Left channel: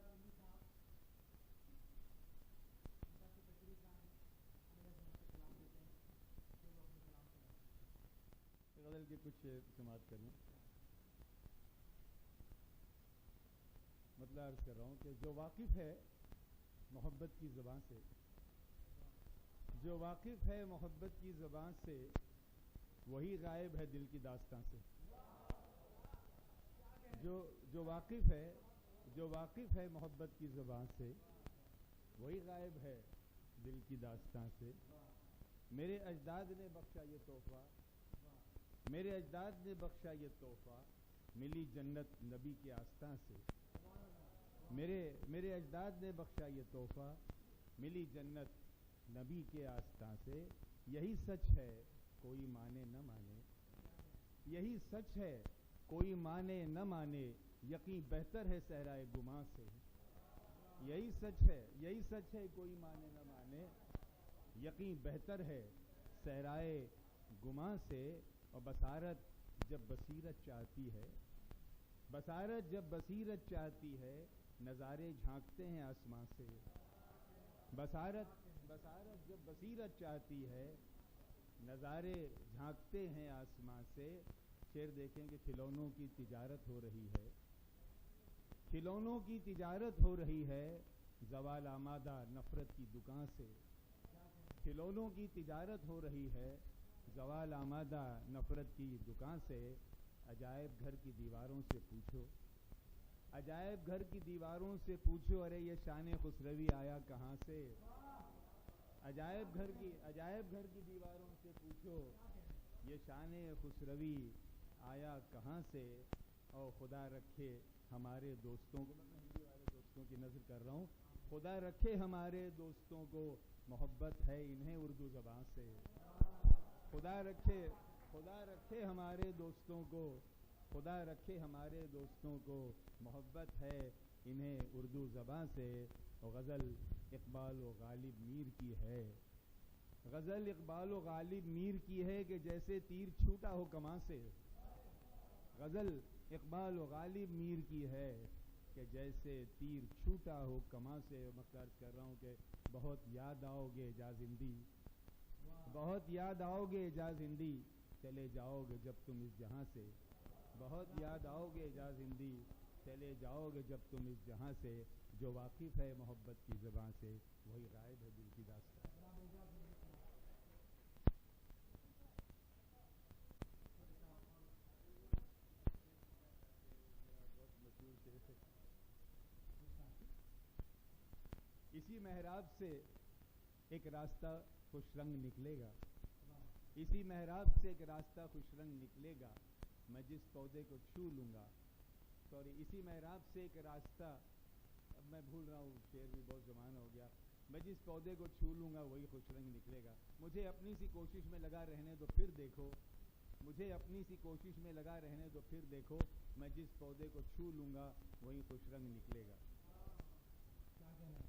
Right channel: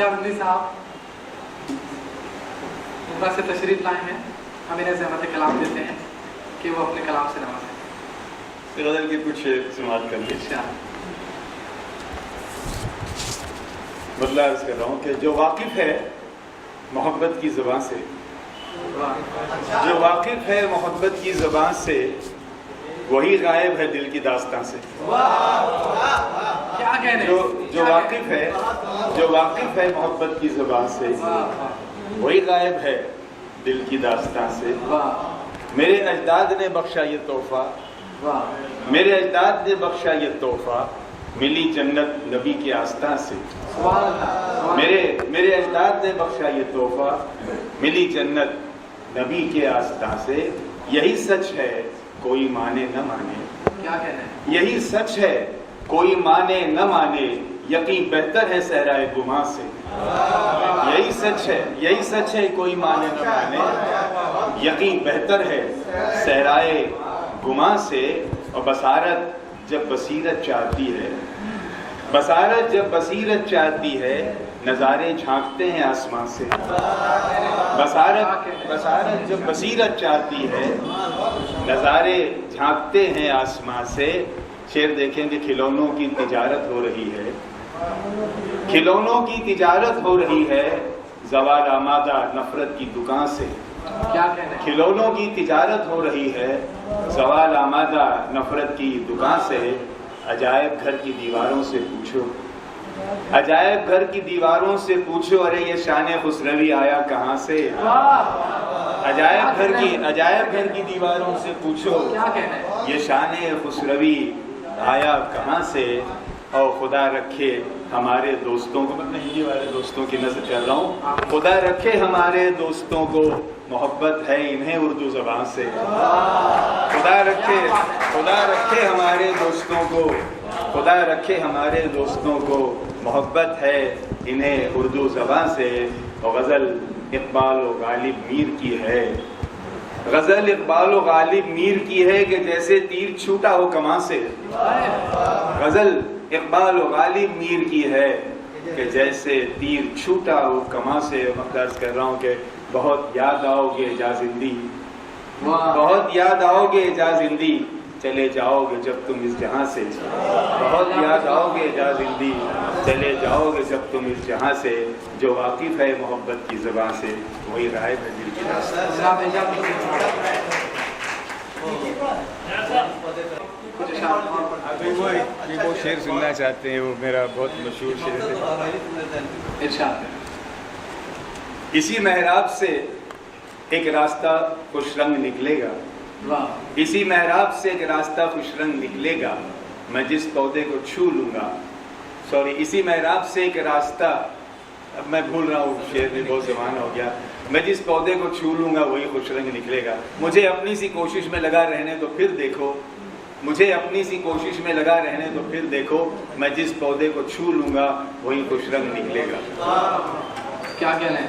एजाज साहब उमरा से तशरीफ लाए हैं, हम इन्हें ज़हमत कलाम देते हैं कि वो अपने कलाम से नवाजें। गज़ल के कुछ समाअत कर लीजिए। बदला अर्ज़ कर रहा हूँ कि जो वाकिफ़ है मोहब्बत की ज़बान से, जो वाकिफ़ है मोहब्बत की ज़बान से, वही गायब है दिल की दास्तां से। क्या कहने, जो वाकिफ़ है मोहब्बत की ज़बान से, वही गायब है दिल की दास्तां से। मेरे अजदाद ने बख्शा ये तोहफा, मेरे अजदाद ने बख्शा ये तोहफा, मिली जन्नत नबी के आस्था से। मेरे अजदाद ने बख्शा ये तोहफा, मिली जन्नत नबी के आस्था से। यही सच है कोई माने न माने, क्या कहना है, यही सच है कोई माने न माने, यकीन बेहतर है सहराए गुमा से। यही सच है कोई माने न माने, यकीन बेहतर है सहराए गुमा से। और बसारत जब बसीरत चाहती है, बसारत जब बसीरत चाहती है, नज़ारे झांकते हैं आसमां से। बसारत जब बसीरत चाहती है, नज़ारे झांकते हैं आसमां से। शेर देखेंगे, खिलौनों की तिजारत हो रही है, खिलौनों की तिजारत हो रही है, ज़वाल आमादा नफरत की दुकान से। क्या कहना है, खिलौनों की तिजारत हो रही है, ज़वाल आमादा नफरत की दुकान से। अजायब घर की दीवारों से पूछो, अजायब घर की दीवारों से पूछो, अरे ये शान खुसरवी आया कहाँ से। अजायब घर की दीवारों से पूछो, क्या कहना है, ये शान खुसरवी आया कहाँ से। और खुदा रखे हमारे दोस्तों को, मैं हिंदी वाले दोस्तों की नज़र कर रहा हूँ, खुदा रखे हमारे दोस्तों को, मोहब्बत है इन्हें उर्दू ज़बान से। खुदा रखे हमारे दोस्तों को, खुदा रखे हमारे दोस्तों को, मोहब्बत है इन्हें उर्दू ज़बान से। और गज़ल इक़बाल व गालिब मीर की है, गज़ल इक़बाल व गालिब मीर की है कि जैसे तीर छूटा हो कमां से। गज़ल इक़बाल व गालिब मीर की है कि जैसे तीर छूटा हो कमां से। मैं अर्ज़ कर रहा हूँ कि बहुत याद आओगे जा जिंदी, बहुत याद आओगे जा जिंदी, चले जाओगे जब तुम इस जहां से। बहुत याद आओगे जा जिंदी, चले जाओगे जब तुम इस जहां से। जो वाकिफ़ है मोहब्बत की ज़बान से, वही गायब है दिल की दास्तां से। जनाब एजाज अभी वो शेर सुनना चाहते हैं, वो मेरा बहुत मशहूर शेर है। इरशाद। इसी महराब से एक रास्ता खुश रंग निकलेगा, वाह, इसी महराब से एक रास्ता खुश रंग निकलेगा, मैं जिस पौधे को छू लूँगा। सॉरी, इसी महराब से एक रास्ता, अब मैं भूल रहा हूँ, शेर में बहुत ज़माना हो गया। मैं जिस पौधे को छू लूँगा वही खुश रंग निकलेगा। मुझे अपनी सी कोशिश में लगा रहने तो फिर देखो, मुझे अपनी सी कोशिश में लगा रहने तो फिर देखो, मैं जिस पौधे को छू लूँगा वही खुश रंग निकलेगा। क्या कहना है,